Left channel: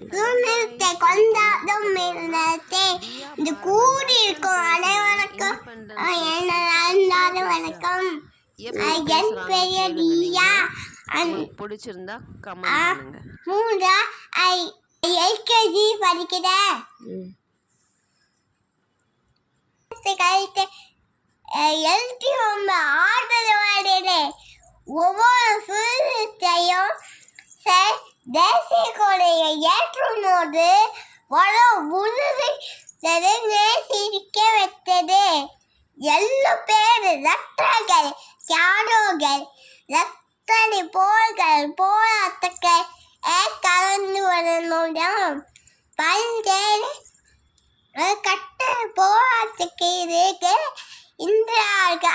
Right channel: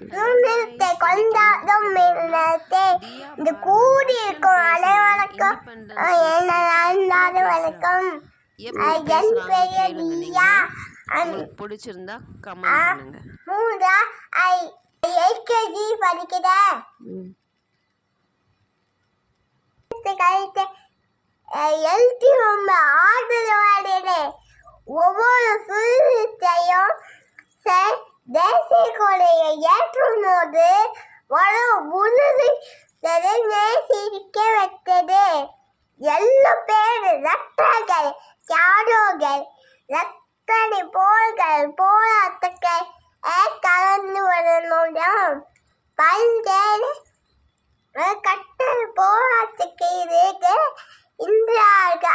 சுதந்திரத்தை கொண்டாடும் நேரத்தை இந்த கூடியிருக்கும் அனைவருக்கும் என்னது வணக்கம். என் பெயர் தியா. பிடிச்சிருந்தா கமெண்ட் பண்ணுங்க. எல்கேஜி படிக்கிறேன். எழுதி ரொம்ப ஆதரவாளே ஒவ்வொரு சுதந்திரத்தையும் தேசிய கொலையை ஏற்றும் போது உறுதி நேசிக்க வைத்தது. எல்லா பேர் ரத்தங்கள் தியாகங்கள் ரத்தனை போர்கள் போராட்டங்கள் கலந்து வருடம் பல்வேறு கட்டண போராட்டத்துக்கு இருக்கு. இந்தியாவுக்கு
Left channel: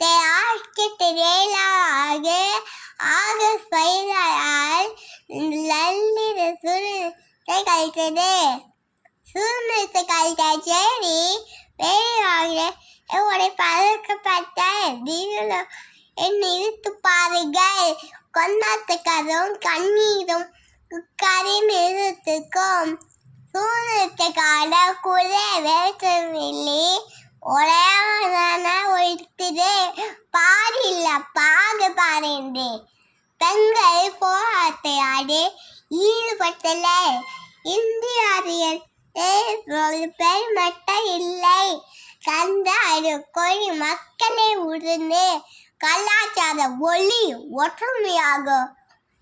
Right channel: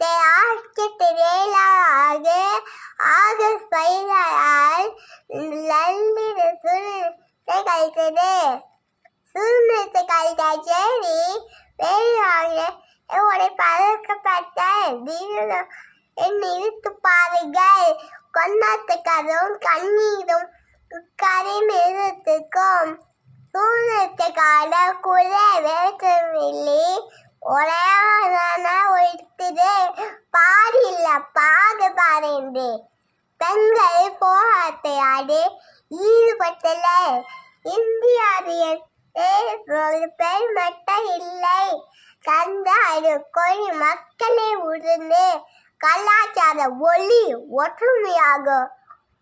1947 ஆகஸ்ட் 16 லண்டின சுதந்திரத்தை கழித்தது. சுதந்திரத்தை கழித்த செய்தி வெளியாக பழக்கப்பட்ட நிறுத்து பாருங்கள். கொண்டாட்டக்காரும் கண்ணீரும் நிறுத்துக்கும் சுதந்திரத்துக்கான கூட வேற்றமில்லை ஒரே ஒழித்தது பாரில்ல பாகுபாடு. பெண்கள் போராட்டத்தை ஈடுபட்டல. இந்தியாவில் பெண் மட்டும் இல்லை கந்த கொடி மக்களை உணர்ந்து கலாச்சார ஒளி ஒற்றுமையாகும்.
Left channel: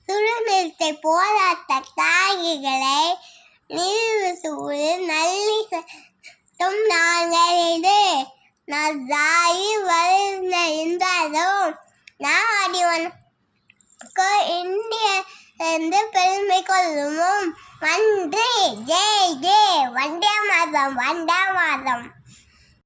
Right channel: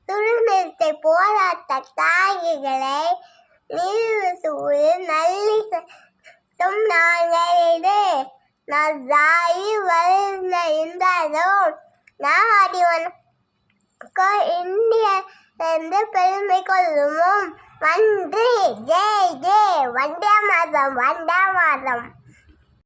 சுதந்திரத்தை போராட்ட தியாகிகளை நிறுவுவது நல்லிசம் நாங்களது நாய் இருந்தாலும் நான் இந்திய பெருமை கொள்ளும். நன்றி. ஜெய் ஜெய். வந்தே மாதம் வந்தே மாதம்.